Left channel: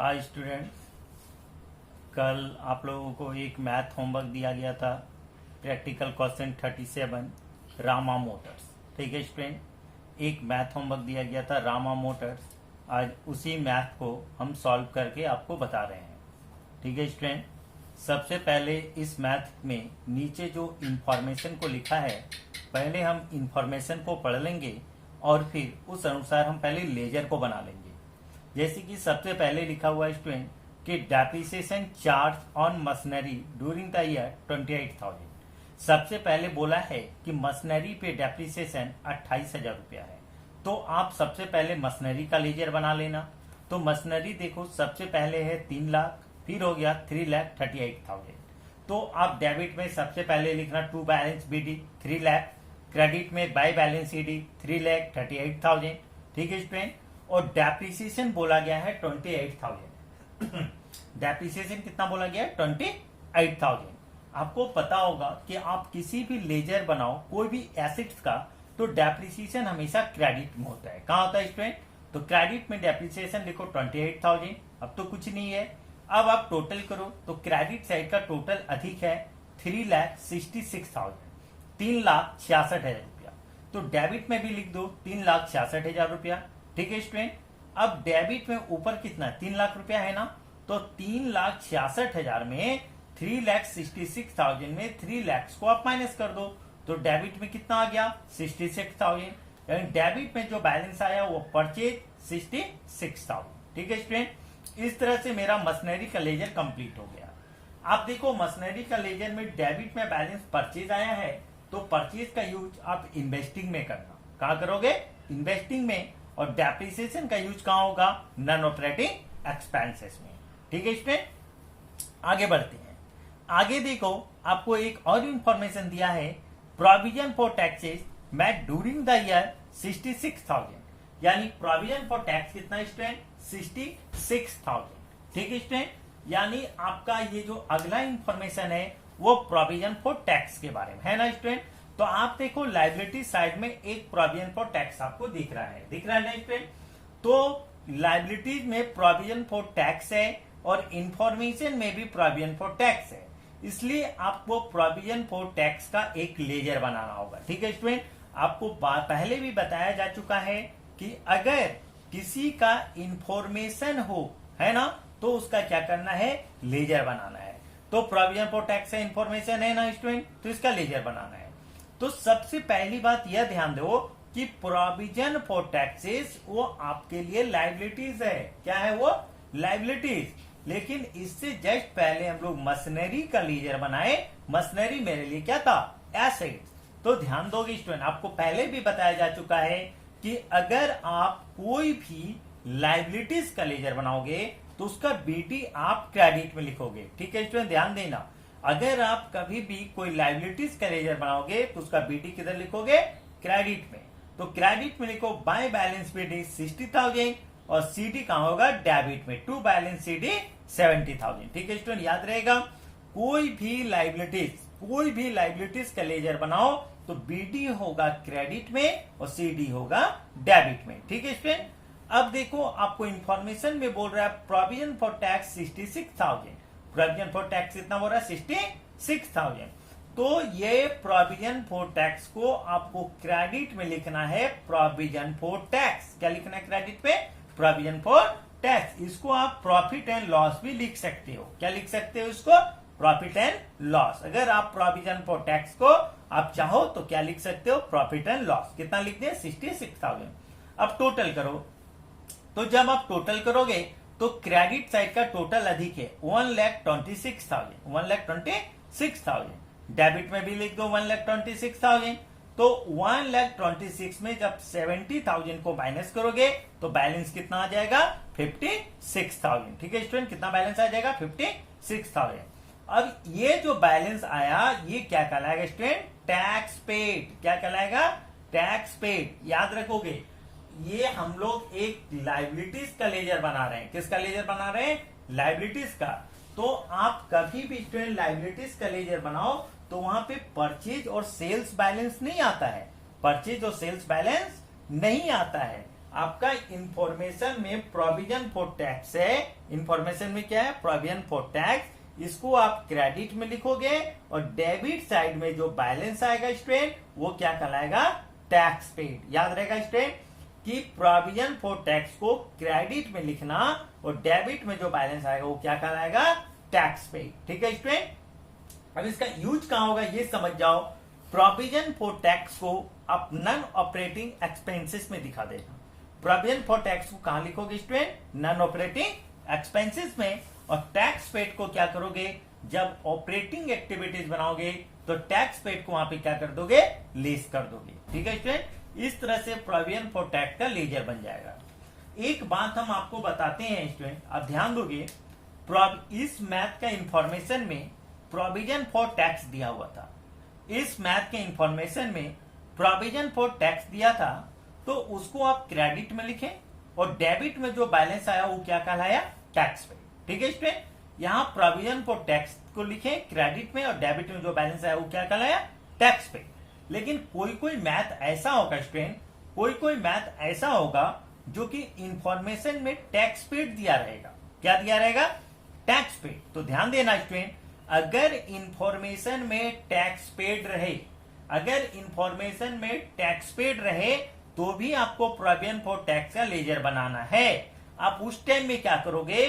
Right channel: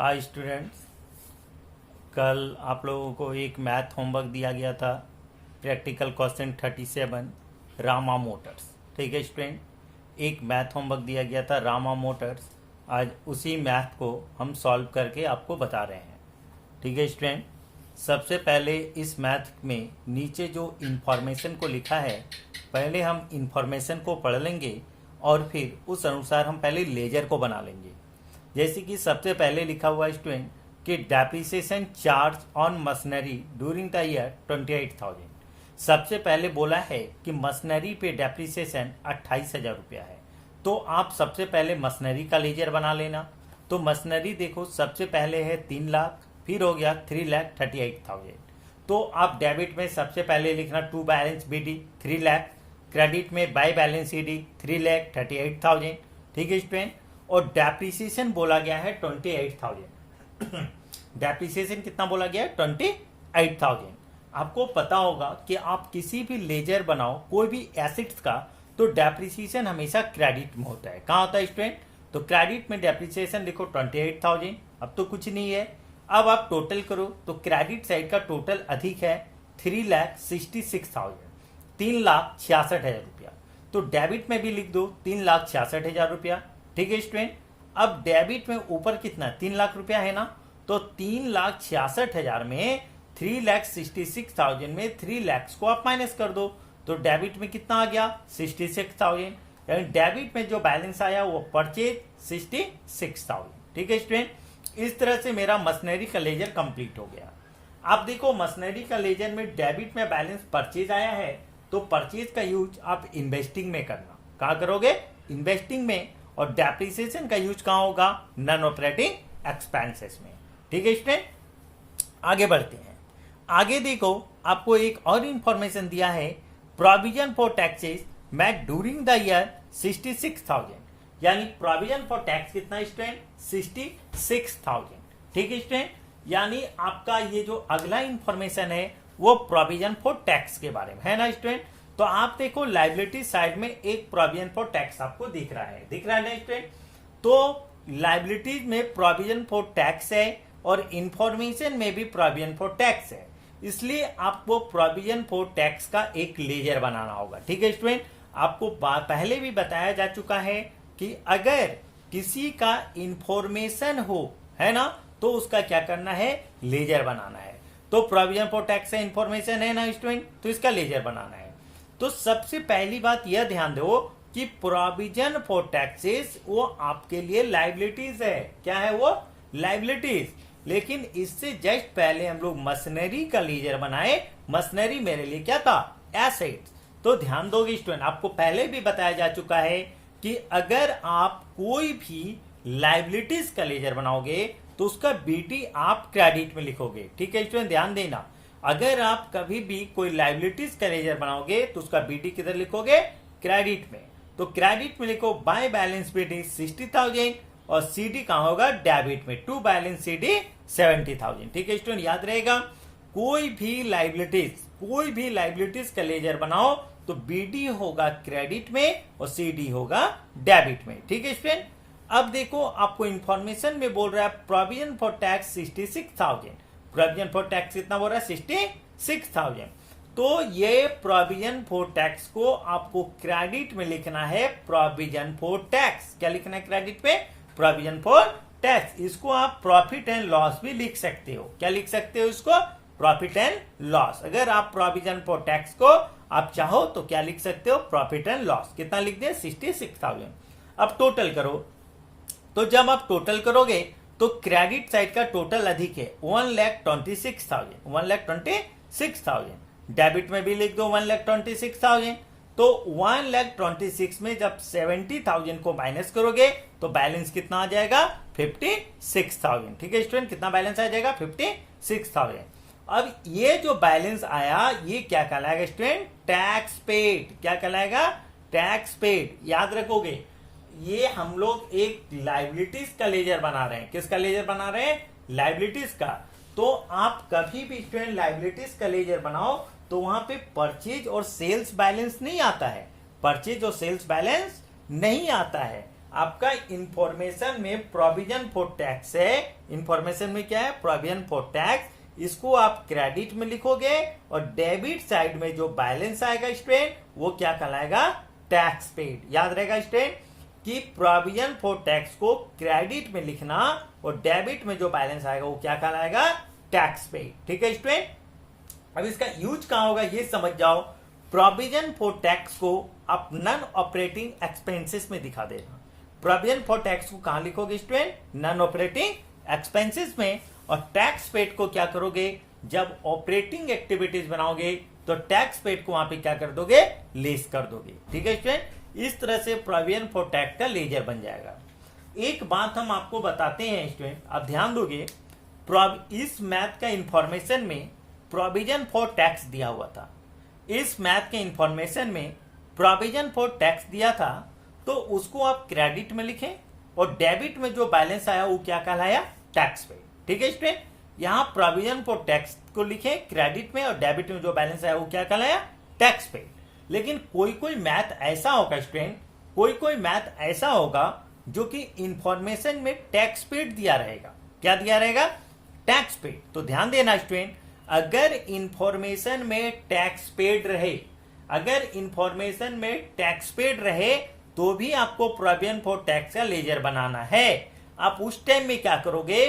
Hi students. कल आप लोगों को एक मैथ होमवर्क दिया गया था, प्रैक्टिकल क्वेश्चन 37 रामा मोटर्स। ठीक है स्टूडेंट, एक मैथ होमवर्क दिया गया था रामा मोटर्स। आज उसी मैथ को हम सॉल्व करके आपको बता रहे हैं। ठीक है स्टूडेंट, सबसे पहले इस मैथ में नीचे जो इंफॉर्मेशन को लिखा है, पहले हम इंफॉर्मेशन को पढ़ लेंगे और फिर उस अनुसार हम पहले लेजर को बना लेंगे। जैसे कि सबसे पहले लिखा हुआ स्टूडेंट कि depreciation charge on machinery during the year 28,000। सबसे पहले बोला है कि मशीनरी पे डेप्रिसिएशन 28,000 रुपया है। तो आप सबसे पहले मशीनरी का लेजर बना लेना। तो मशीनरी देखो, सबसे पहले है 3 लाख, फिर हो गया 3,38,000। तो आप डेबिट में सबसे पहले लिखना to balance BD 3 lakh, credit में बाय बैलेंस ईडी 3,38,000। ठीक है स्टूडेंट, और डेप्रिसिएशन बोला गया है 28,000। डेप्रिसिएशन कितना बोला गया है? 28,000। आपको पता होगा कि आप किसी भी लेजर बनाओ कोई भी एसेट्स का, तो डेप्रिसिएशन हमेशा क्रेडिट में होता है। कहाँ होता है स्टूडेंट? तो क्रेडिट में डेप्रिसिएशन लिखो 28,000। अब तो कुछ नहीं है। अब आप टोटल करो तो क्रेडिट साइड का टोटल अधिक है 3,66,000, 3,66,000 रुपया। तो डेबिट में भी लिख दो 3,66,000 रुपया। ठीक है स्टूडेंट, अब डेबिट में ऊपर कितना 3 लाख रुपया है ना, तो 3,66,000 में 3,66,000 में 3 लाख को आप माइनस कर दो, तो डेबिट में कितना आ गया 66,000। यानी डेबिट में जो बैलेंस आया वो परचेज 66,000। ठीक है स्टूडेंट, इस तरह से मेरा मशीनरी का लेजर कंप्लीट हो गया। आप देखो मशीनरी का लेजर में डेबिट में बैलेंस परचेज आया है, तो परचेज का यूज आप इन्वेस्टिंग में करना। कहा करोगे? इन्वेस्टिंग में। और डेप्रिसिएशन का यूज कहां होगा? नॉन ऑपरेटिंग एक्सपेंसेस में। ठीक है स्टूडेंट, आगे बढ़ते हैं। आगे देखो, आपको एक और इंफॉर्मेशन दिया है, provision for taxes made during the year 66,000। यानी प्रोविजन फॉर टैक्स कितना स्टूडेंट? 66,000। ठीक है स्टूडेंट, यानी आपका ये जो अगला इंफॉर्मेशन है वो प्रोविजन फॉर टैक्स के बारे में है ना स्टूडेंट। तो आप देखो लायबिलिटी साइड में एक प्रोविजन फॉर टैक्स आपको दिख रहा है ना स्टूडेंट। तो लायबिलिटीज में प्रोविजन फॉर टैक्स है और इंफॉर्मेशन में भी प्रोविजन फॉर टैक्स है, इसलिए आपको प्रोविजन फॉर टैक्स का एक लेजर बनाना होगा। ठीक है स्टूडेंट, आपको पहले भी बताया जा चुका है कि अगर किसी का इंफॉर्मेशन हो, है ना, तो उसका क्या करना है? लेजर बनाना है। तो प्रोविजन फॉर टैक्स का इंफॉर्मेशन है ना स्टूडेंट, तो इसका लेजर बनाना है। तो सबसे पहली बात यह ध्यान दो कि प्रोविजन फॉर टैक्सेस वो आपके लिए लायबिलिटीज है। क्या है वो? लायबिलिटीज। लेकिन इससे जस्ट पहले हम लोग मशीनरी का लेजर बनाए। मशीनरी मेरे लिए क्या था? एसेट्स। तो ध्यान दोगे स्टूडेंट, आपको पहले भी बताया जा चुका है कि अगर आप कोई भी लायबिलिटीज का लेजर बनाओगे तो उसका बीटी आप क्रेडिट में लिखोगे। ठीक है स्टूडेंट, ध्यान देना। अगर आप कभी भी कोई लायबिलिटीज का लेजर बनाओगे तो उसका बीटी किधर लिखोगे? क्रेडिट में। तो क्रेडिट में लिखो बाय बैलेंस बीटी 60,000 और सीडी कहां होगा? डेबिट में। To balance CD 70,000। ठीक है स्टूडेंट, याद रहेगा। कोई भी लायबिलिटीज का लेजर बनाओ तो बीडी होगा क्रेडिट में और सीडी होगा डेबिट में। ठीक है स्टूडेंट, अब देखो आपको इंफॉर्मेशन में बोल रहा है provision for tax 66,000। Provision for tax कितना बोल रहा है? 66,000। तो ये प्रोविजन फॉर टैक्स को आपको क्रेडिट में लिखना है, प्रोविजन फॉर टैक्स। क्या लिखना है क्रेडिट पे? Provision for tax. इसको आप प्रॉफिट एंड लॉस भी लिख सकते हो। क्या लिख सकते हो इसको? Profit and loss. अगर आप प्रोविजन फॉर टैक्स को आप चाहो तो क्या लिख सकते हो? Profit and loss. कितना लिख दिया? 66,000। अब टोटल करो, तो जब आप टोटल करोगे तो क्रेडिट साइड का टोटल अधिक है 1,26,000, 1,26,000। डेबिट में भी लिख दो 1,26,000। तो 1,26,000 में जब 70,000 को माइनस करोगे तो बैलेंस कितना आ जाएगा? 56,000। ठीक है स्टूडेंट, कितना बैलेंस आ जाएगा? 56,000। अब ये जो बैलेंस आया ये क्या कहलाएगा स्टूडेंट? Tax paid. क्या कहलाएगा? Tax paid. याद रखोगे, ये हम लोग एक लायबिलिटीज का लेजर बना रहे हैं। किसका लेजर बना रहे हैं? लायबिलिटीज का। तो आप कभी भी स्टूडेंट लायबिलिटीज का लेजर बनाओ तो वहां पे परचेज और सेल्स बैलेंस नहीं आता है। परचेज और सेल्स बैलेंस नहीं आता है। आपका इंफॉर्मेशन में प्रोविजन फॉर टैक्स है, इंफॉर्मेशन में क्या है, प्रोविजन फॉर टैक्स, इसको आप क्रेडिट में लिखोगे और डेबिट साइड में जो बैलेंस आएगा स्टूडेंट वो क्या कहलाएगा, टैक्स पेड। याद रहेगा स्टूडेंट कि प्रोविजन फॉर टैक्स को क्रेडिट में लिखना और डेबिट में जो बैलेंस आएगा वो क्या कहलाएगा, टैक्स पेड। ठीक है स्टूडेंट, अब इसका यूज कहां होगा ये समझ जाओ। प्रोविजन फॉर टैक्स को आप नॉन ऑपरेटिंग एक्सपेंसेस में दिखा देना। प्रोविजन फॉर टैक्स को कहां लिखोगे स्टूडेंट, नॉन ऑपरेटिंग एक्सपेंसेस में, और टैक्स पेड को क्या करोगे, जब ऑपरेटिंग एक्टिविटीज बनाओगे तो टैक्स पेड को वहां पे क्या कर दोगे, लेस कर दोगे। ठीक है स्टूडेंट, इस तरह से प्रोविजन फॉर टैक्स का लेजर बन जाएगा। एक बात हम आपको बताते हैं स्टूडेंट, आप ध्यान दोगे, इस मैथ का इंफॉर्मेशन में प्रोविजन फॉर टैक्स दिया हुआ था। इस मैथ के इंफॉर्मेशन में प्रोविजन फॉर टैक्स दिया था, तो उसको आप क्रेडिट में लिखें और डेबिट में जो बैलेंस आया वो क्या कहलाया, टैक्स पेड। ठीक है स्टूडेंट, यहाँ प्रोविजन फॉर टैक्स को लिखें क्रेडिट में और डेबिट में जो बैलेंस आया वो क्या कहलाया, टैक्स पेड। लेकिन कोई कोई मैथ ऐसा होगा स्टूडेंट, कोई कोई मैथ ऐसा होगा जो कि इंफॉर्मेशन में टैक्स पेड दिया रहेगा। क्या दिया रहेगा, टैक्स पेड। तो ध्यान देना स्टूडेंट, अगर इंफॉर्मेशन में टैक्स पेड रहे, अगर इंफॉर्मेशन में टैक्स पेड रहे तो भी आपको प्रोविजन फॉर टैक्स का लेजर बनाना है। आप उस टाइम में क्या करोगे,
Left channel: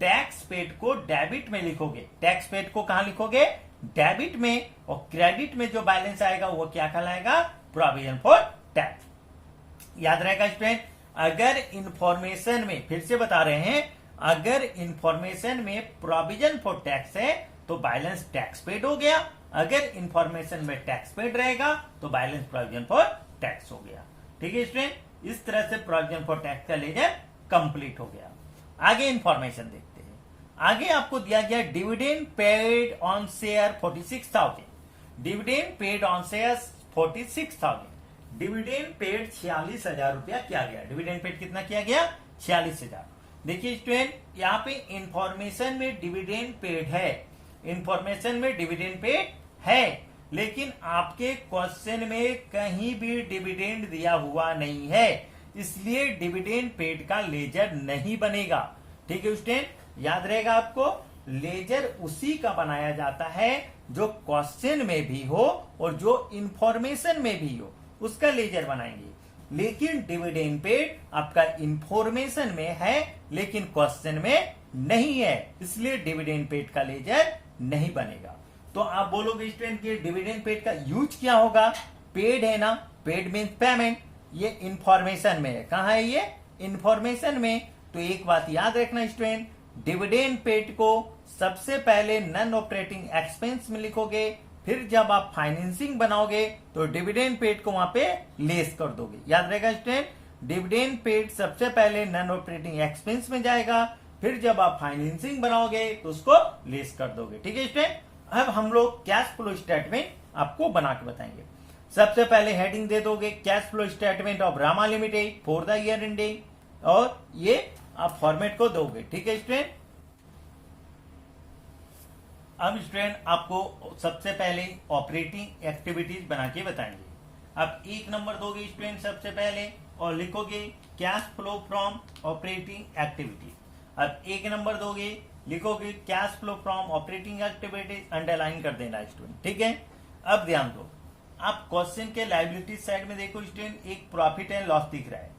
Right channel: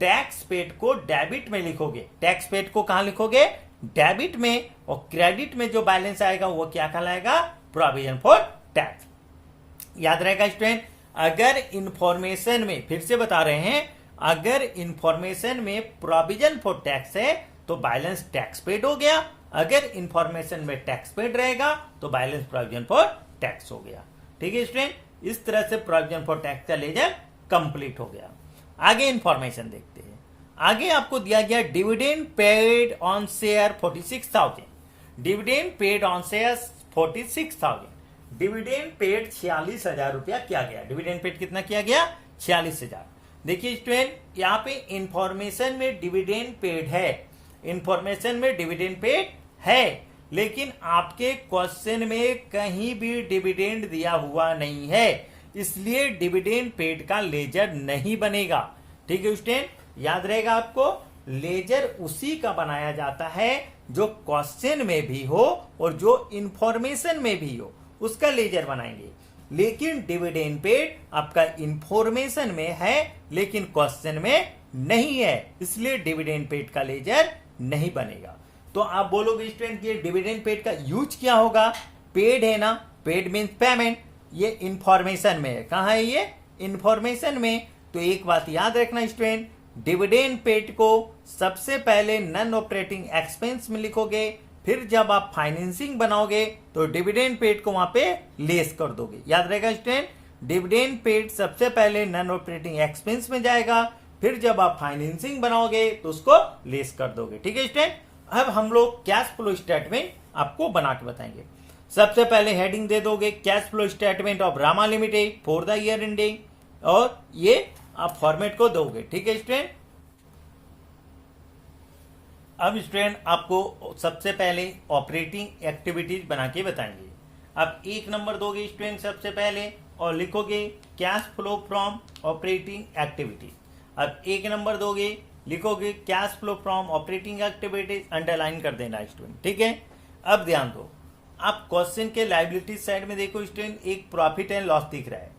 टैक्स पेड को डेबिट में लिखोगे। टैक्स पेड को कहां लिखोगे, डेबिट में, और क्रेडिट में जो बैलेंस आएगा वो क्या कहलाएगा, प्रोविजन फॉर टैक्स। याद रहेगा स्टूडेंट, अगर इंफॉर्मेशन में, फिर से बता रहे हैं, अगर इंफॉर्मेशन में प्रोविजन फॉर टैक्स है तो बैलेंस टैक्स पेड हो गया, अगर इंफॉर्मेशन में टैक्स पेड रहेगा तो बैलेंस प्रोविजन फॉर टैक्स हो गया। ठीक है स्टूडेंट, इस तरह से प्रोविजन फॉर टैक्स का लेजर कंप्लीट हो गया। आगे इंफॉर्मेशन देखते हैं। आगे आपको दिया गया dividend paid on share 46,000, dividend paid on share 46,000, dividend paid 46,000 रुपया किया गया। डिविडेंड पेड कितना किया गया, 46,000। देखिए स्टूडेंट, यहाँ पे इंफॉर्मेशन में डिविडेंड पेड है, इंफॉर्मेशन में डिविडेंड पेड है, लेकिन आपके क्वेश्चन में कहीं भी डिविडेंड दिया हुआ नहीं है, इसलिए डिविडेंड पेड का लेजर नहीं बनेगा। ठीक है स्टूडेंट, याद रहेगा आपको, लेजर उसी का बनाया जाता है जो क्वेश्चन में भी हो और जो इंफॉर्मेशन में भी हो, उसका लेजर बनाएंगे। लेकिन डिविडेंड पेड आपका इंफॉर्मेशन में है लेकिन क्वेश्चन में नहीं है, इसलिए डिविडेंड पेड का लेजर नहीं बनेगा। तो आप बोलोगे स्टूडेंट कि डिविडेंड पेड का यूज क्या होगा, पेड है ना, पेड मीन्स पेमेंट, ये इंफॉर्मेशन में है। कहां है ये, इंफॉर्मेशन में। तो एक बात याद रखना स्टूडेंट, डिविडेंड पेड को सबसे पहले नॉन ऑपरेटिंग एक्सपेंस में लिखोगे, फिर जब आप फाइनेंसिंग बनाओगे तो डिविडेंड पेड को वहां पे लेस कर दोगे। याद रहेगा स्टूडेंट, डिविडेंड पेड सबसे पहले नॉन ऑपरेटिंग एक्सपेंस में जाएगा, फिर जब आप फाइनेंसिंग बनाओगे तो उसको लेस कर दोगे। ठीक है स्टूडेंट, अब हम लोग कैश फ्लो स्टेटमेंट आपको बना के बताएंगे। सबसे पहले हेडिंग दे दोगे cash flow statement of Rama limited for the year ending, और ये आप फॉर्मेट को दोगे। ठीक है स्टूडेंट, अब स्टूडेंट आपको सबसे पहले ऑपरेटिंग एक्टिविटीज बना के बताएंगे। आप 1 नंबर दोगे स्टूडेंट सबसे पहले और लिखोगे cash flow from operating activities. अब 1 नंबर दोगे, लिखोगे cash flow from operating activities, underline कर देना स्टूडेंट। ठीक है, अब ध्यान दो, आप क्वेश्चन के लायबिलिटी साइड में देखो स्टूडेंट, एक प्रॉफिट एंड लॉस दिख रहा है।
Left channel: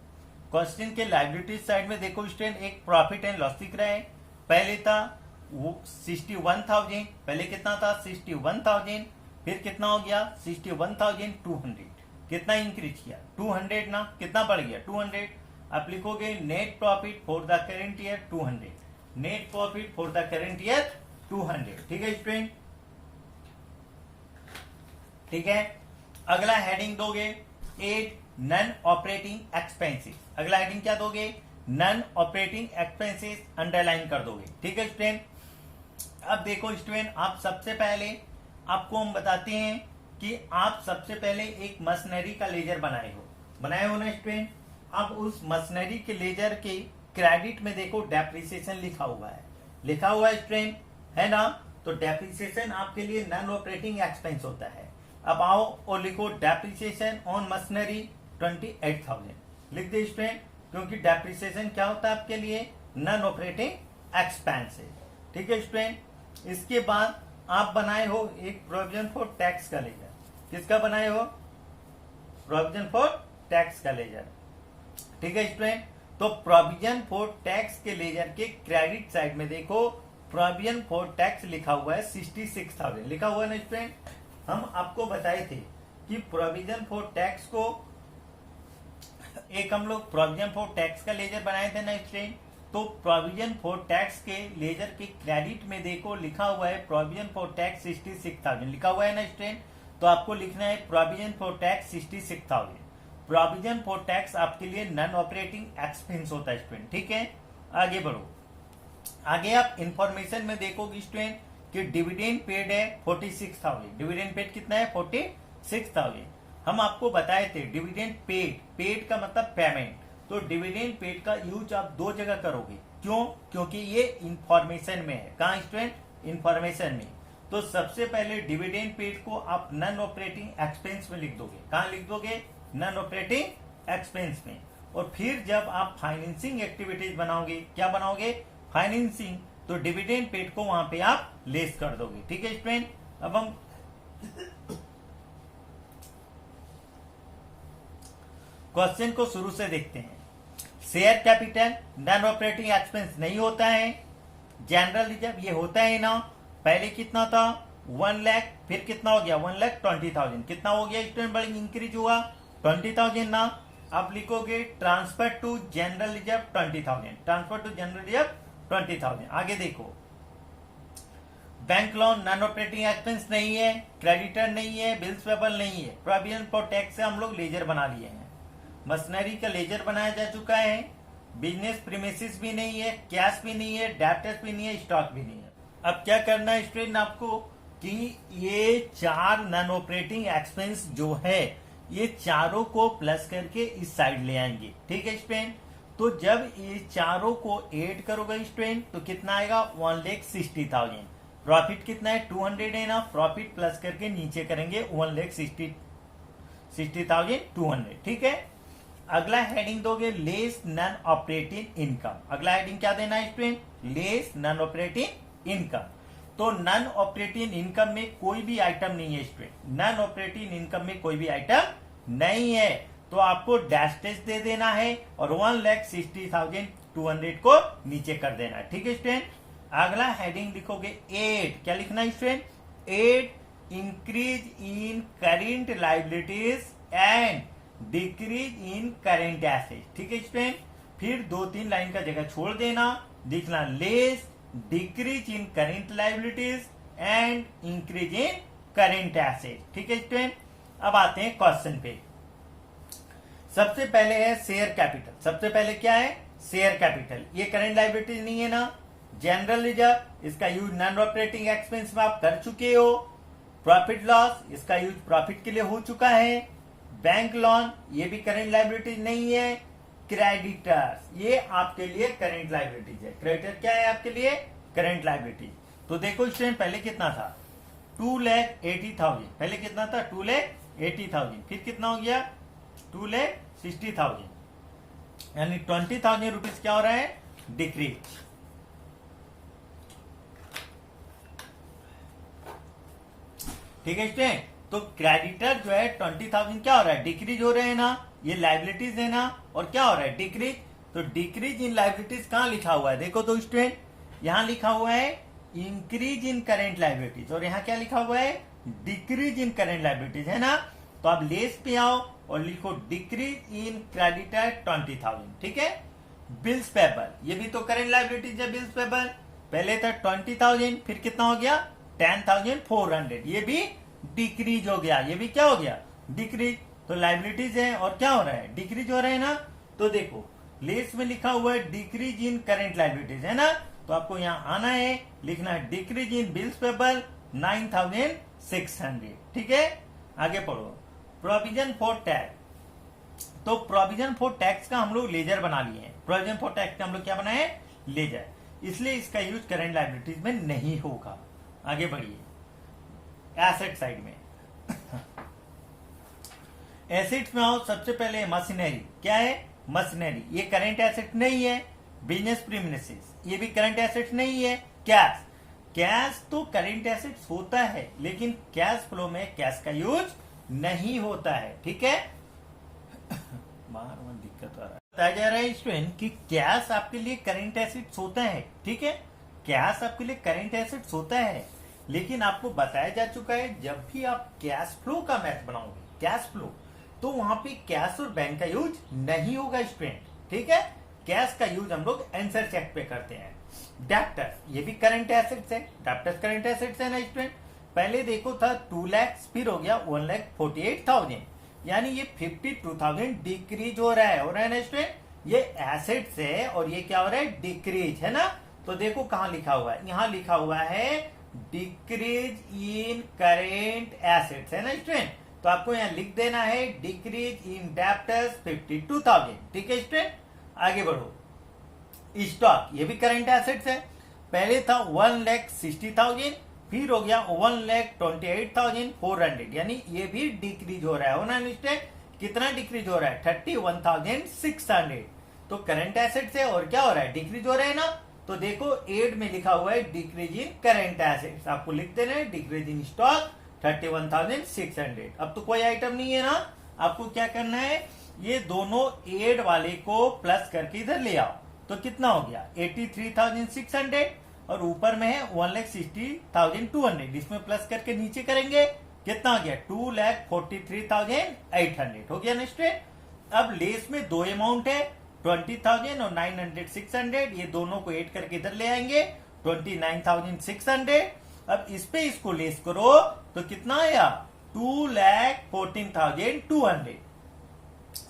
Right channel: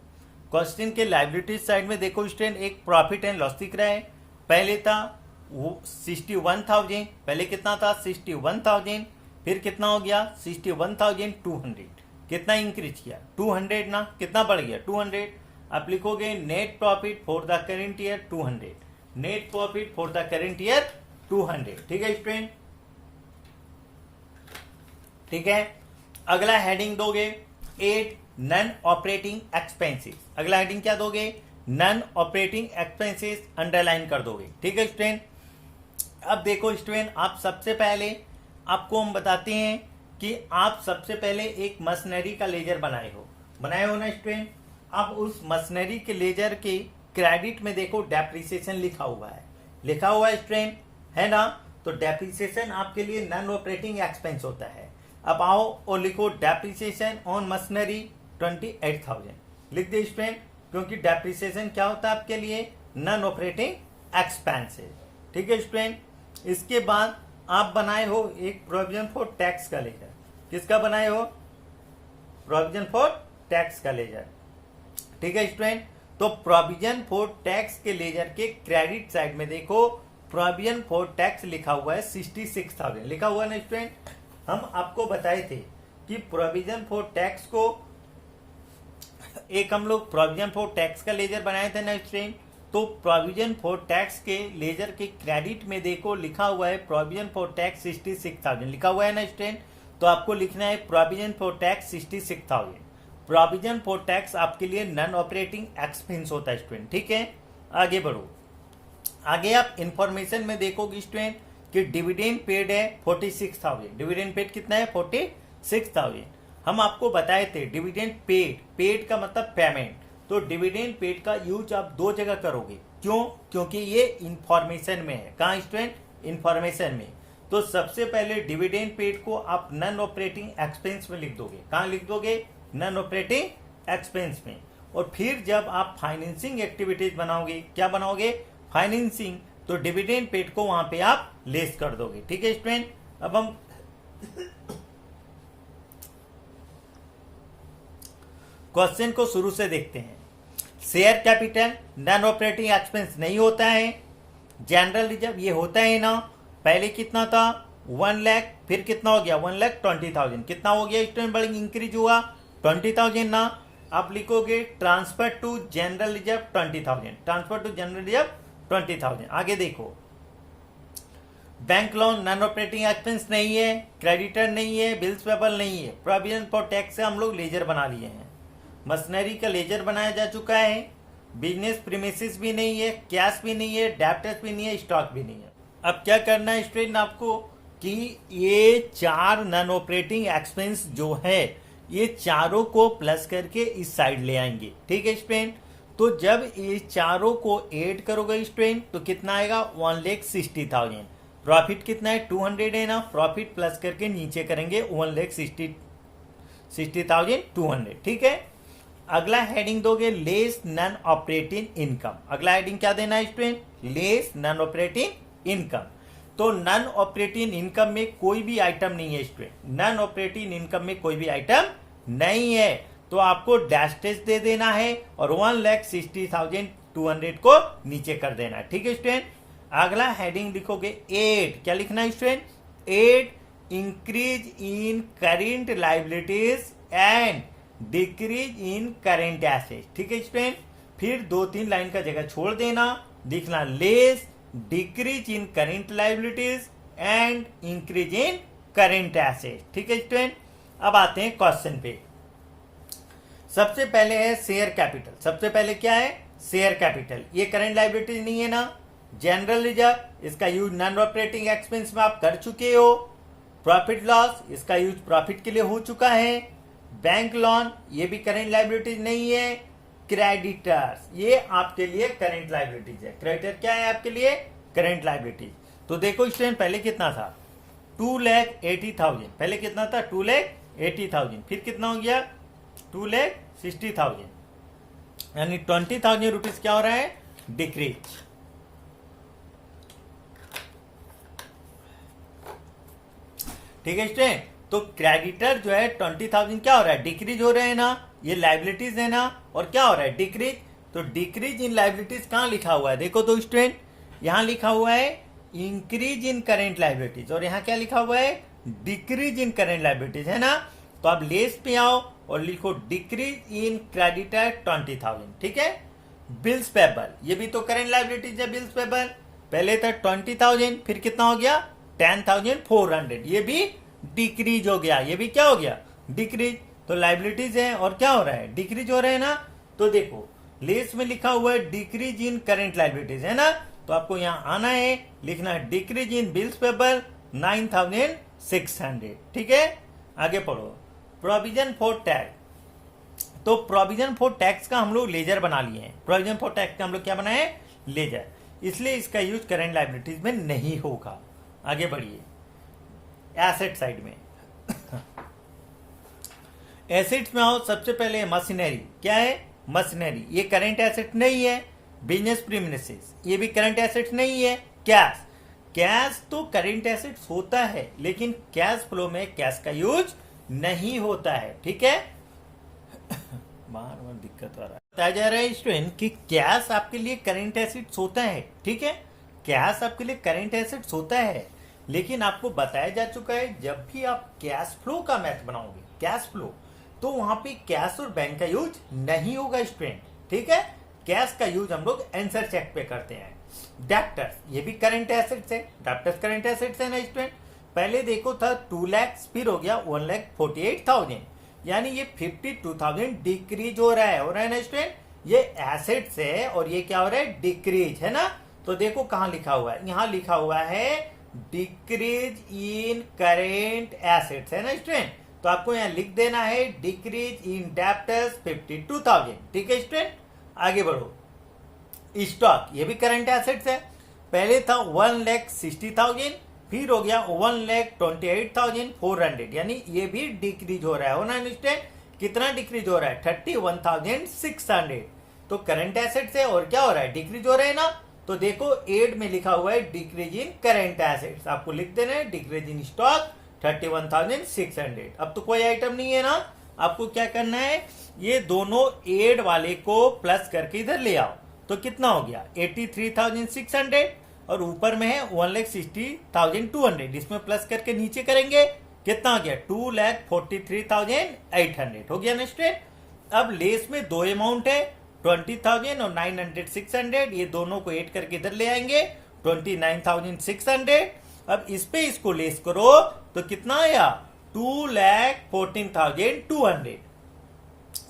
क्वेश्चन के लायबिलिटी साइड में देखो स्टूडेंट, एक प्रॉफिट एंड लॉस दिख रहा है। पहले था वो 61,000, पहले कितना था 61,000, फिर कितना हो गया 61,200, कितना इंक्रीज किया 200 ना, कितना बढ़ गया 200। आप लिखोगे net profit for the current year 200, net profit for the current year 200। ठीक है स्टूडेंट, ठीक है। अगला हेडिंग दोगे 8 नॉन ऑपरेटिंग एक्सपेंसेस। अगला हेडिंग क्या दोगे, नॉन ऑपरेटिंग एक्सपेंसेस, अंडरलाइन कर दोगे। ठीक है स्टूडेंट, अब देखो स्टूडेंट, आप सबसे पहले आपको हम बताते हैं कि आप सबसे पहले एक मशीनरी का लेजर बनाए हो ना स्टूडेंट। अब उस मशीनरी के लेजर के क्रेडिट में देखो डेप्रिसिएशन लिखा हुआ है स्टूडेंट, है ना। तो डेप्रिसिएशन आपके लिए नॉन ऑपरेटिंग एक्सपेंस होता है। अब आओ और लिखो डेप्रिसिएशन ऑन मशीनरी 28,000, लिख दे स्टूडेंट। क्योंकि डेप्रिसिएशन क्या होता है आपके लिए, नॉन ऑपरेटिंग एक्सपेंस है। ठीक है स्टूडेंट। इसके बाद आप बनाए हो एक प्रोविजन फॉर टैक्स का लेजर। किसका बनाए हो, प्रोविजन फॉर टैक्स का लेजर। ठीक है स्टूडेंट। तो प्रोविजन फॉर टैक्स के लेजर के क्रेडिट साइड में देखो, प्रोविजन फॉर टैक्स लिखा हुआ है 66,000 लिखा हुआ है ना स्टूडेंट। हम आपको बताए थे कि प्रोविजन फॉर टैक्स को एक हम लोग प्रोविजन फॉर टैक्स का लेजर बनाए थे ना स्टूडेंट। तो प्रोविजन फॉर टैक्स के लेजर के क्रेडिट में देखो लिखा हुआ है प्रोविजन फॉर टैक्स 66,000 लिखा हुआ है ना स्टूडेंट। तो आपको लिखना है provision for tax 66,000। Provision for tax आपके लिए नॉन ऑपरेटिंग एक्सपेंस होता है स्टूडेंट। ठीक है, आगे बढ़ो। आगे आप इंफॉर्मेशन में देखोगे स्टूडेंट कि डिविडेंड पेड है 46,000। डिविडेंड पेड कितना है, 46,000। हम आपको बताए थे डिविडेंड पेड, पेड का मतलब पेमेंट। तो डिविडेंड पेड का यूज आप दो जगह करोगे। क्यों, क्योंकि ये इंफॉर्मेशन में है। कहाँ स्टूडेंट, इंफॉर्मेशन में। तो सबसे पहले डिविडेंड पेड को आप नॉन ऑपरेटिंग एक्सपेंस में लिख दोगे। कहाँ लिख दोगे, नॉन ऑपरेटिंग एक्सपेंस में। और फिर जब आप फाइनेंसिंग एक्टिविटीज बनाओगे, क्या बनाओगे, फाइनेंसिंग, तो डिविडेंड पेड को वहां पे आप लेस कर दोगे। ठीक है स्टूडेंट। अब हम क्वेश्चन को शुरू से देखते हैं। Share capital non operating expense नहीं होता है। जनरल रिजर्व ये होता है ना। पहले कितना था, 1 लाख, फिर कितना हो गया, 1,20,000। कितना हो गया स्टूडेंट, बड़ा इंक्रीज हुआ 20,000 ना। आप लिखोगे transfer to general reserve 20,000, transfer to general reserve 20,000। आगे देखो, bank loan non operating expense नहीं है, क्रेडिटर नहीं है, बिल्स पेबल नहीं है। प्रोविजन फॉर टैक्स से हम लोग लेजर बना लिए हैं। मशीनरी का लेजर बनाया जा चुका है। बिजनेस प्रीमिसेस भी नहीं है, कैश भी नहीं है, डेब्टर्स भी नहीं है, स्टॉक भी नहीं है। अब क्या करना है स्टूडेंट आपको कि ये 4 नॉन ऑपरेटिंग एक्सपेंस जो है ये चारों को प्लस करके इस साइड ले आएंगे। ठीक है स्टूडेंट। तो जब ये चारों को ऐड करोगे स्टूडेंट तो कितना आएगा, 1,60,000। प्रॉफिट कितना है, 200 है ना। प्रॉफिट प्लस करके नीचे करेंगे 1,60,200। ठीक है। अगला हेडिंग दोगे लेस नॉन ऑपरेटिंग इनकम। अगला हेडिंग क्या देना है student, less non operating income. तो नॉन ऑपरेटिंग इनकम में कोई भी आइटम नहीं है स्टूडेंट। नॉन ऑपरेटिंग इनकम में कोई भी आइटम नहीं है। तो आपको डैश दे देना है और 1,60,200 को नीचे कर देना है। ठीक है स्टूडेंट। अगला हेडिंग लिखोगे 8। क्या लिखना है student, 8 increase in current liabilities and decrease in current assets. ठीक है स्टूडेंट। फिर 2-3 लाइन का जगह छोड़ देना, लिखना less decrease in current liabilities and increase in current assets. ठीक है स्टूडेंट। अब आते हैं क्वेश्चन पे। सबसे पहले है शेयर कैपिटल। सबसे पहले क्या है, शेयर कैपिटल। ये करेंट लाइबिलिटीज नहीं है ना। जनरल रिजर्व, इसका यूज नॉन ऑपरेटिंग एक्सपेंस में आप कर चुके हो। प्रॉफिट लॉस, इसका यूज प्रॉफिट के लिए हो चुका है। बैंक लोन, ये भी करेंट लाइबिलिटीज नहीं है। क्रेडिटर्स, ये आपके लिए करेंट लाइबिलिटीज है। क्रेडिटर क्या है आपके लिए, करेंट लाइबिलिटीज। तो देखो स्टूडेंट, पहले कितना था, 2,80,000। पहले कितना था, 2,80,000। फिर कितना हो गया, 2,60,000। यानी 20,000 रुपीज क्या हो रहा है, डिक्रीज। ठीक है स्टूडेंट। तो क्रेडिटर जो है 20,000 क्या हो रहा है, डिक्रीज हो रहे हैं ना। ये लाइबिलिटीज है ना, और क्या हो रहा है, डिक्रीज। तो डिक्रीज इन लाइबिलिटीज कहां लिखा हुआ है, देखो तो स्टूडेंट, यहां लिखा हुआ है इंक्रीज इन करेंट लाइबिलिटीज, और यहां क्या लिखा हुआ है, डिक्रीज इन करेंट लाइबिलिटीज, है ना। तो आप लेस पे आओ और लिखो डिक्रीज इन क्रेडिटर 20,000। ठीक है। बिल्स पेबल, ये भी तो करेंट लाइबिलिटीज है। बिल्स पेबल पहले था 20,000, फिर कितना हो गया, 10,400। ये भी डिक्रीज हो गया, ये भी क्या हो गया, डिक्रीज। तो लाइबिलिटीज है और क्या हो रहा है, डिक्रीज हो रहे हैं ना। तो देखो लेस में लिखा हुआ है डिक्रीज इन करेंट लाइबिलिटीज, है ना। तो आपको यहां आना है, लिखना है डिक्रीज इन बिल्स पेबल 9,600। ठीक है। आगे पढ़ो, प्रोविजन फॉर टैक्स। तो प्रोविजन फॉर टैक्स का हम लोग लेजर बना लिए हैं। प्रोविजन फॉर टैक्स का हम लोग क्या बनाए, लेजर। इसलिए इसका यूज करेंट लाइबिलिटीज में नहीं होगा। आगे बढ़िए, एसेट साइड में। एसेट्स में आओ, सबसे पहले मशीनरी। क्या है, मशीनरी, ये करंट एसेट नहीं है। बिजनेस प्रीमिसेस, ये भी करंट एसेट नहीं है। कैश, कैश तो करंट एसेट्स होता है, लेकिन कैश फ्लो में कैश का यूज नहीं होता है। ठीक है, बार बार दिक्कत आ रहा है। बताया जा रहा है स्टूडेंट कि कैश आपके लिए करंट एसेट्स होता है। ठीक है, कैश आपके लिए करंट एसेट्स होता है, लेकिन आपको बताया जा चुका है जब भी आप कैश फ्लो का मैथ बनाओगे, कैश फ्लो, तो वहां पे कैश और बैंक का यूज नहीं होगा स्टूडेंट। ठीक है, कैश का यूज हम लोग आंसर चेक पे करते हैं। डेप्टर्स, ये भी करंट एसेट्स है। डेप्टर्स करंट एसेट्स है ना स्टूडेंट। पहले देखो था 2 लाख, फिर हो गया 1,48,000, यानी ये 52,000 डिक्रीज हो रहा है ना स्टूडेंट। ये एसेट्स है और ये क्या हो रहा है, डिक्रीज है ना। तो देखो कहां लिखा हुआ है, यहां लिखा हुआ है डिक्रीज इन करेंट एसेट्स, है ना स्टूडेंट। तो आपको यहां लिख देना है डिक्रीज इन डेप्टर्स 52,000। ठीक है स्टूडेंट, आगे बढ़ो। स्टॉक, ये भी करंट एसेट्स है। पहले था 1,60,000, फिर हो गया 1,28,400, यानी ये भी डिक्रीज हो रहा है ना स्टूडेंट। कितना डिक्रीज हो रहा है, 31,600। तो करंट एसेट्स है और क्या हो रहा है, डिक्रीज हो रहा है ना। तो देखो एड में लिखा हुआ है डिक्रीज इन करंट एसेट्स, आपको लिख देना है डिक्रीज इन स्टॉक 31,600। अब तो कोई आइटम नहीं है ना, आपको क्या करना है, ये दोनों एड वाले को प्लस करके इधर ले आओ। तो कितना हो गया 83,600, और ऊपर में है 1,60,200, इसमें प्लस करके नीचे करेंगे कितना हो गया 2,43,800 हो गया ना स्टूडेंट। अब लेस में दो अमाउंट है 20,000 और 900,600, ये दोनों को ऐड करके इधर ले आएंगे 29,600। अब इस पे इसको लेस करो तो कितना आया 2,14,200।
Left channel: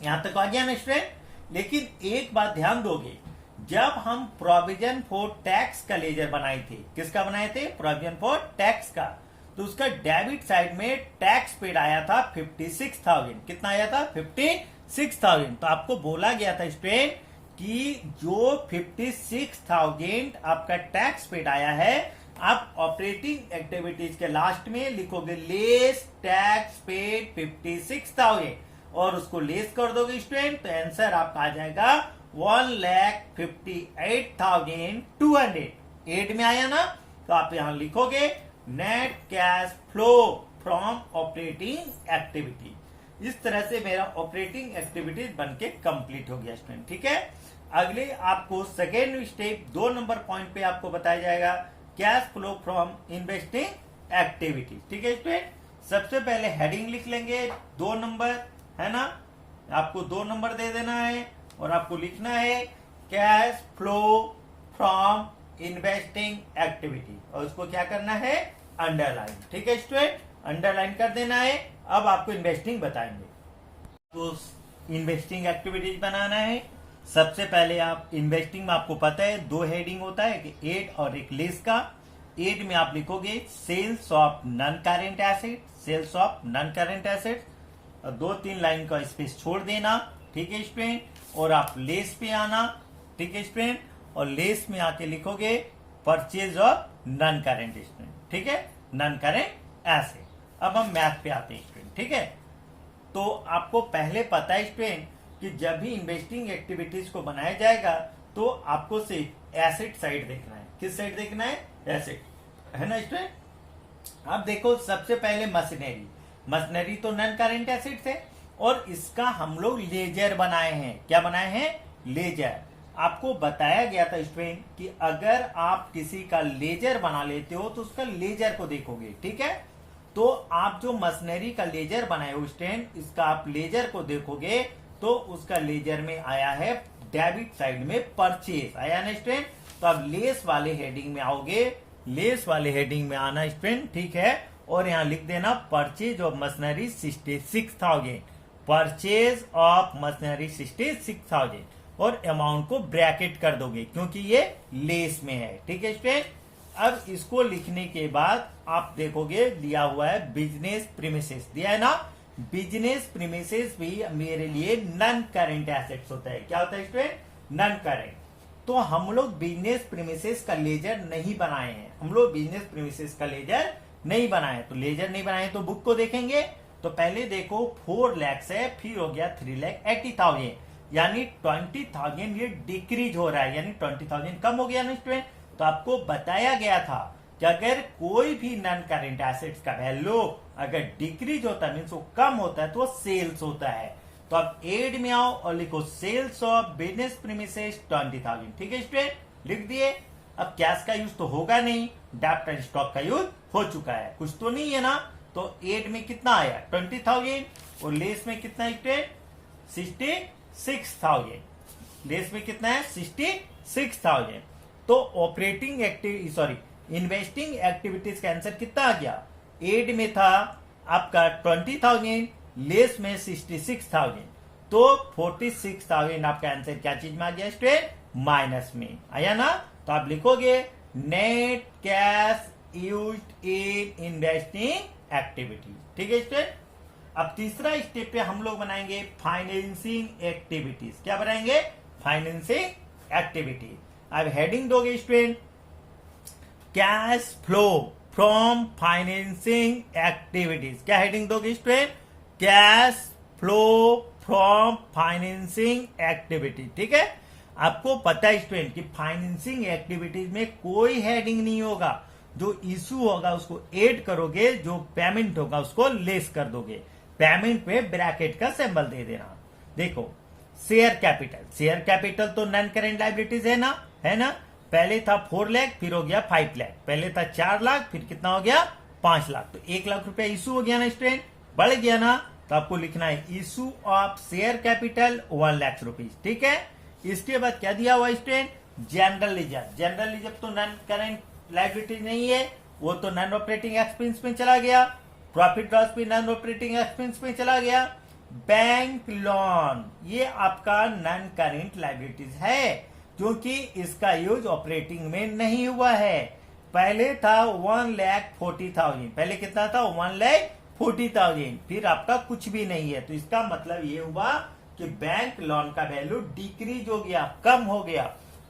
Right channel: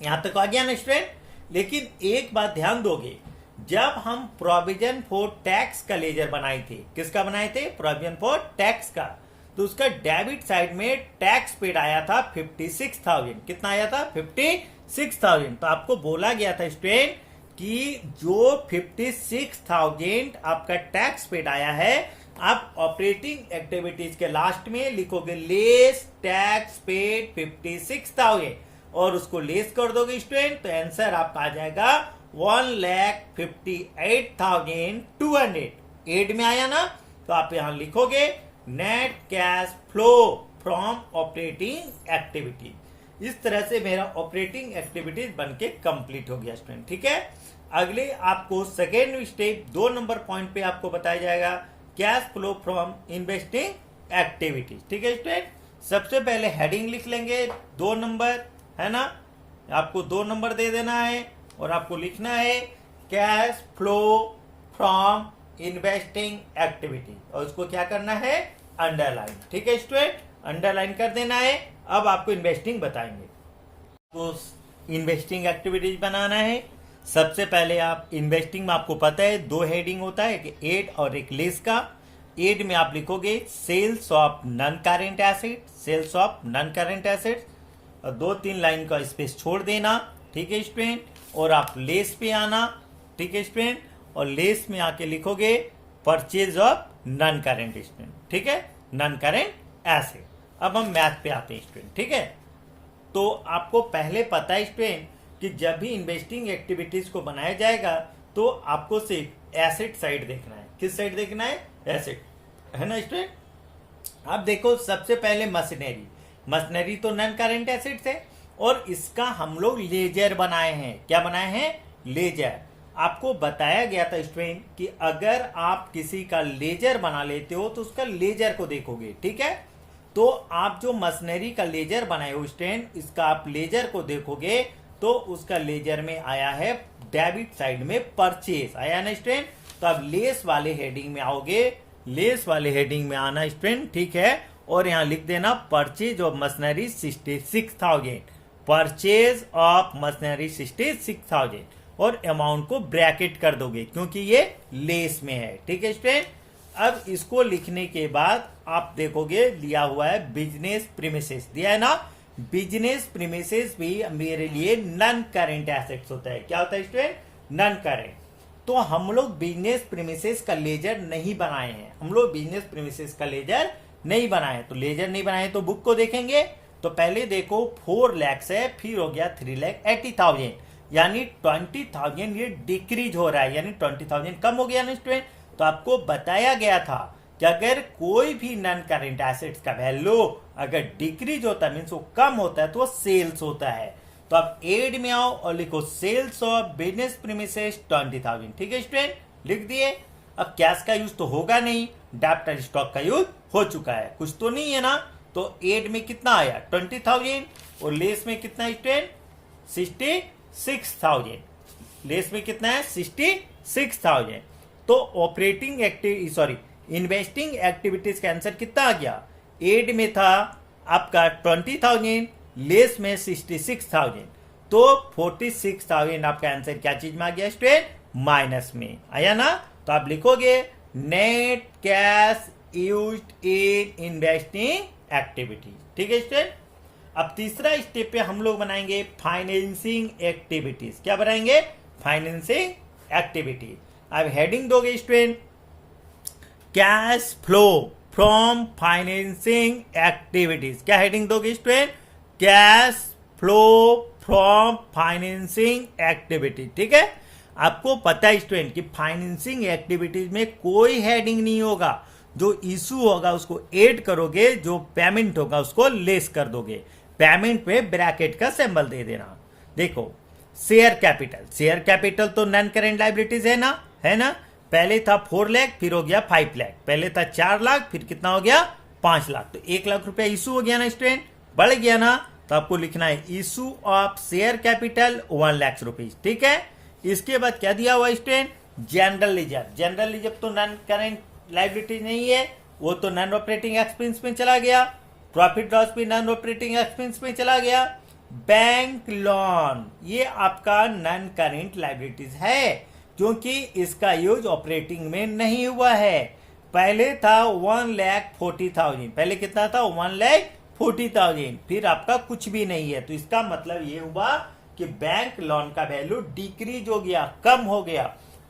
यहां तक आ गया ना स्टूडेंट। लेकिन एक बात ध्यान दोगे, जब हम प्रोविजन फॉर टैक्स का लेजर बनाए थे, किसका बनाए थे, प्रोविजन फॉर टैक्स का, तो उसका डेबिट साइड में टैक्स पेड आया था 56,000। कितना आया था 56,000। तो आपको बोला गया था स्टूडेंट कि जो 56,000 आपका टैक्स पेड आया है, आप ऑपरेटिंग एक्टिविटीज के लास्ट में लिखोगे लेस टैक्स पेड 56,000 और उसको लेस कर दोगे स्टूडेंट, तो आंसर आपका आ जाएगा 1,58,200। एड में आया ना, तो आप यहां लिखोगे net cash flow from operating activity. इस तरह से मेरा ऑपरेटिंग एक्टिविटीज बनके कंप्लीट हो गया स्टूडेंट। ठीक है, अगले आपको सेकेंड स्टेप 2 नंबर पॉइंट पे आपको बताया जाएगा cash flow from investing activities. ठीक है स्टूडेंट, सबसे पहले हेडिंग लिख लेंगे 2 नंबर, है ना। आपको 2 नंबर दे देना है और आपको लिखना है cash flow from investing activity, और उसको क्या करना है अंडरलाइन। ठीक है स्टूडेंट, अंडरलाइन कर देना है। अब आपको इन्वेस्टिंग बताएंगे, तो इन्वेस्टिंग एक्टिविटीज बनाना है। सबसे पहले आप इन्वेस्टिंग में आपको पता है 2 हेडिंग होता है, कि एड और एक लेस का। एड में आप लिखोगे sales of non current asset, sales of non current asset, और 2-3 लाइन का स्पेस छोड़ देना। ठीक है स्टूडेंट, और आप लेस पे आना। ठीक है स्टूडेंट, और लेस में आके लिखोगे purchase of non current student. ठीक है, नॉन करेंट एसेट। अब हम मैथ पे आते हैं स्टूडेंट। ठीक है, तो आपको पहले पता है स्टूडेंट कि जब भी इन्वेस्टिंग एक्टिविटीज को बनाया जाएगा तो आपको सिर्फ एसेट साइड देखना है। किस साइड देखना है, एसेट, है ना स्टूडेंट। अब देखो सबसे पहले मशीनरी, मशीनरी तो नॉन करेंट एसेट्स है और इसका हम लोग लेजर बनाए हैं। क्या बनाए हैं, लेजर। आपको बताया गया था स्टूडेंट कि अगर आप किसी का लेजर बना लेते हो तो उसका लेजर को देखोगे। ठीक है, तो आप जो मशीनरी का लेजर बनाए हो स्टूडेंट, इसका आप लेजर को देखोगे तो उसका लेजर में आया है डेबिट साइड में परचेज आया ना स्टूडेंट। तो आप लेस वाले हेडिंग में आओगे, लेस वाले हेडिंग में आना स्टूडेंट। ठीक है, और यहां लिख देना purchase of machinery 66,000, purchase of machinery 66,000, और अमाउंट को ब्रैकेट कर दोगे क्योंकि ये लेस में है। ठीक है स्टूडेंट, अब इसको लिखने के बाद आप देखोगे लिया हुआ है बिजनेस प्रीमिसेस, दिया है ना। बिजनेस प्रीमिसेस भी मेरे लिए नॉन करेंट एसेट्स होता है। क्या होता है स्टूडेंट, नॉन करेंट। तो हम लोग बिजनेस प्रीमिसेस का लेजर नहीं बनाए हैं, हम लोग बिजनेस प्रीमिसेस का लेजर नहीं बनाए। तो लेजर नहीं बनाए तो बुक को देखेंगे, तो पहले देखो 4 लाख है, फिर हो गया 3,80,000, यानी 20,000 ये डिक्रीज हो रहा है, यानी 20,000 कम हो गया ना स्टूडेंट। तो आपको बताया गया था कि अगर कोई भी नॉन करेंट एसेट्स का वैल्यू अगर डिक्रीज होता है मीन्स वो कम होता है तो वो सेल्स होता है। तो आप एड में आओ और लिखो सेल्स ऑफ बिजनेस प्रीमिसेस 20,000। ठीक है स्टूडेंट, लिख दिए। अब कैश का यूज तो होगा नहीं, डेब्टर स्टॉक का यूज हो चुका है, कुछ तो नहीं है ना। तो एड में कितना आया 20,000 और लेस में कितना स्टूडेंट 66,000। लेस में कितना है 66,000। तो ऑपरेटिंग इन्वेस्टिंग एक्टिविटीज का आंसर कितना आ गया, एड में था आपका 20,000, लेस में 66,000, तो 46,000 आपका आंसर क्या चीज में आ गया स्टूडेंट, माइनस में आया ना। तो आप लिखोगे net cash used in investing activity. ठीक है स्टूडेंट। अब तीसरा स्टेप पे हम लोग बनाएंगे फाइनेंसिंग एक्टिविटीज। क्या बनाएंगे, फाइनेंसिंग एक्टिविटी। अब हेडिंग दोगे student cash flow from financing activities. क्या हेडिंग दोगे student, cash flow from financing activity. ठीक है, आपको पता है स्टूडेंट कि फाइनेंसिंग एक्टिविटीज में कोई हेडिंग नहीं होगा, जो इशू होगा उसको ऐड करोगे, जो पेमेंट होगा उसको लेस कर दोगे। पेमेंट पे ब्रैकेट का सिंबल दे देना। देखो शेयर कैपिटल, शेयर कैपिटल तो नॉन करेंट लायबिलिटीज है ना। पहले था 4 लाख, फिर हो गया 5 लाख, पहले था 4 लाख, फिर कितना हो गया 5 लाख, तो 1 लाख रुपया इशू हो गया ना स्टूडेंट, बढ़ गया ना। तो आपको लिखना है issue of share capital 1 lakh rupees. ठीक है, इसके बाद क्या दिया हुआ student, general reserve. General reserve तो नॉन करेंट लायबिलिटी नहीं है, वो तो नॉन ऑपरेटिंग एक्सपेंस में चला गया। प्रॉफिट लॉस भी नॉन ऑपरेटिंग एक्सपेंस में चला गया। बैंक लोन ये आपका नॉन करेंट लायबिलिटीज है, क्योंकि इसका यूज ऑपरेटिंग में नहीं हुआ है। पहले था 1,40,000, पहले कितना था 1,40,000, फिर आपका कुछ भी नहीं है। तो इसका मतलब ये हुआ कि बैंक लोन का वैल्यू डिक्रीज हो गया, कम हो गया,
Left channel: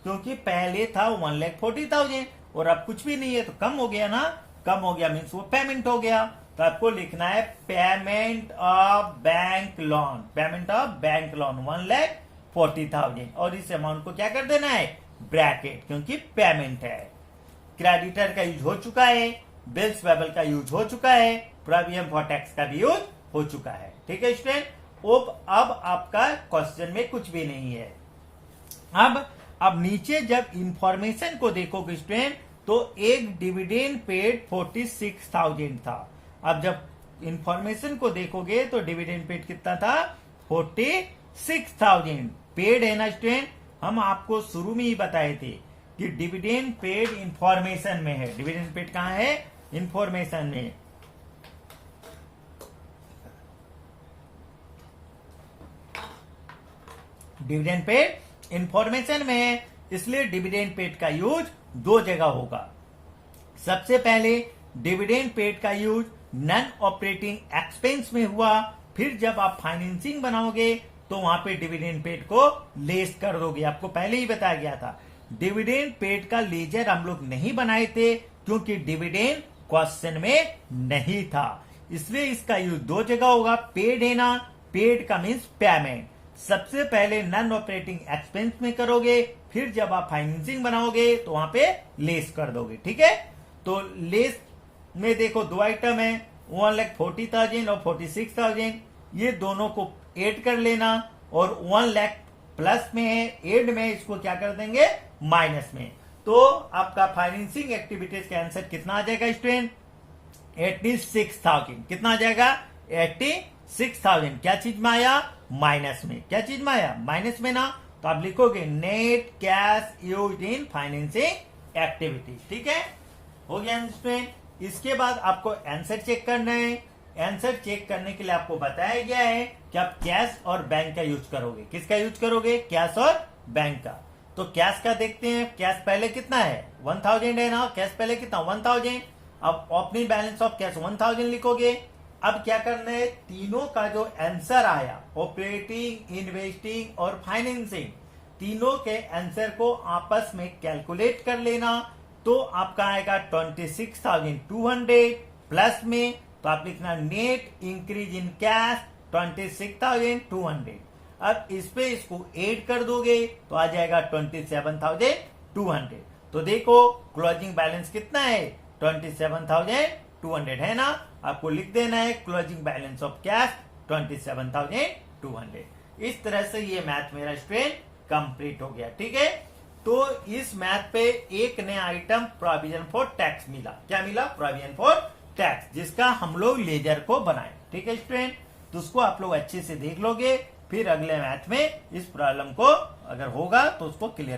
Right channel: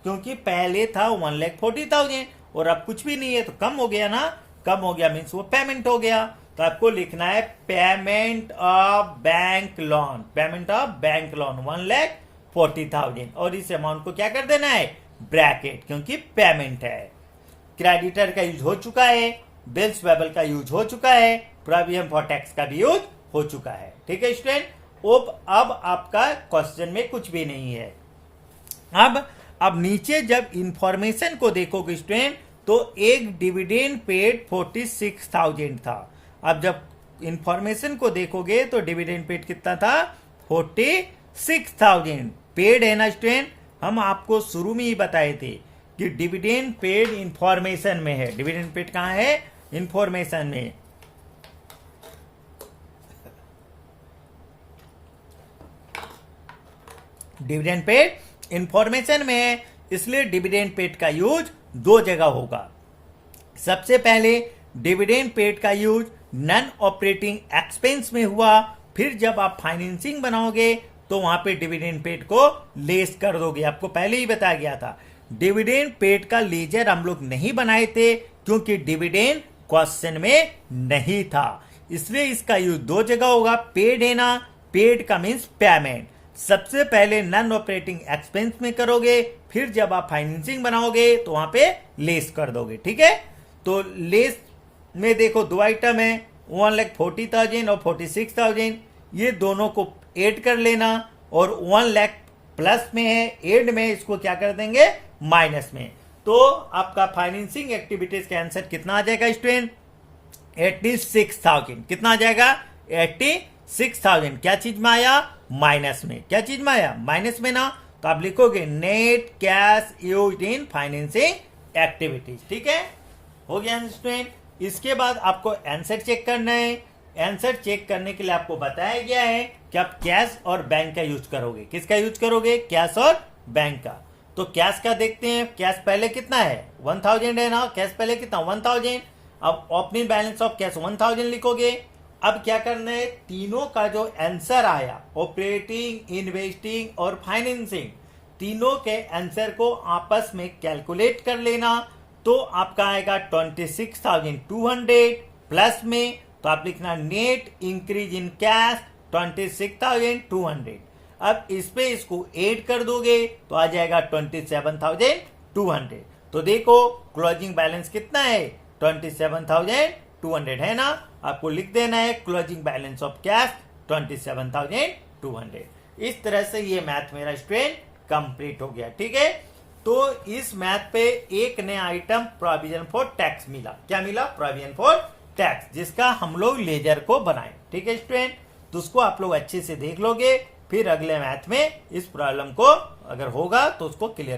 क्योंकि पहले था 1,40,000 और अब कुछ भी नहीं है तो कम हो गया ना। कम हो गया मीन्स वो पेमेंट हो गया। तो आपको लिखना है payment of bank loan, payment of bank loan 1,40,000, और इस अमाउंट को क्या कर देना है ब्रैकेट, क्योंकि पेमेंट है। क्रेडिटर का यूज हो चुका है, बिल्स पेबल का यूज हो चुका है, प्रोविजन फॉर टैक्स का भी यूज हो चुका है। ठीक है स्टूडेंट, अब आपका क्वेश्चन में कुछ भी नहीं है। अब नीचे जब इंफॉर्मेशन को देखोगे स्टूडेंट, तो एक डिविडेंड पेड 46,000 था। अब जब इंफॉर्मेशन को देखोगे तो डिविडेंड पेड कितना था 46,000 पेड है ना स्टूडेंट। हम आपको शुरू में ही बताए थे कि डिविडेंड पेड इंफॉर्मेशन में है। डिविडेंड पेड कहां है, इंफॉर्मेशन में। डिविडेंड पेड इंफॉर्मेशन में है, इसलिए डिविडेंड पेड का यूज 2 जगह होगा। सबसे पहले डिविडेंड पेड का यूज नॉन ऑपरेटिंग एक्सपेंस में हुआ, फिर जब आप फाइनेंसिंग बनाओगे तो वहां पे डिविडेंड पेड को लेस कर दोगे। आपको पहले ही बताया गया था डिविडेंड पेड का लेजर हम लोग नहीं बनाए थे, क्योंकि डिविडेंड क्वेश्चन में नहीं था, इसलिए इसका यूज 2 जगह होगा। पेड है ना, पेड का मीन्स पेमेंट। सबसे पहले नॉन ऑपरेटिंग एक्सपेंस में करोगे, फिर जब आप फाइनेंसिंग बनाओगे तो वहां पे लेस कर दोगे। ठीक है, तो लेस में देखो 2 आइटम है, 1,40,000 और 46,000, ये दोनों को ऐड कर लेना, और 1 लाख प्लस में है, ऐड में इसको क्या कर देंगे माइनस में। तो आपका फाइनेंसिंग एक्टिविटीज का आंसर कितना आ जाएगा स्टूडेंट 86,000। कितना आ जाएगा 86,000। क्या चीज में आया माइनस में, क्या चीज में आया माइनस में ना। तो आप लिखोगे net cash used in financing activities. ठीक है, हो गया स्टूडेंट। इसके बाद आपको आंसर चेक करना है। आंसर चेक करने के लिए आपको बताया गया है कि आप कैश और बैंक का यूज करोगे। किसका यूज करोगे, कैश और बैंक का। तो कैश का देखते हैं, कैश पहले कितना है 1,000 है ना, कैश पहले कितना 1,000। अब ओपनिंग बैलेंस ऑफ कैश 1,000 लिखोगे। अब क्या करना है, तीनों का जो आंसर आया ऑपरेटिंग, इन्वेस्टिंग और फाइनेंसिंग, तीनों के आंसर को आपस में कैलकुलेट कर लेना। तो आपका आएगा 26,200 प्लस में, तो आप लिखना नेट इंक्रीज इन कैश 26,200। अब इस पे इसको ऐड कर दोगे तो आ जाएगा 27,200। तो देखो क्लोजिंग बैलेंस कितना है, 27,200 है ना। आपको लिख देना है क्लोजिंग बैलेंस ऑफ कैश 27,200। इस तरह से ये मैथ मेरा स्टूडेंट कंप्लीट हो गया। ठीक है, तो इस मैथ पे एक नया आइटम प्रोविजन फॉर टैक्स मिला। क्या मिला? प्रोविजन फॉर टैक्स, जिसका हम लोग लेजर को बनाए। ठीक है स्टूडेंट, तो उसको आप लोग अच्छे से देख लोगे, फिर अगले मैथ में इस प्रॉब्लम को अगर होगा तो उसको क्लियर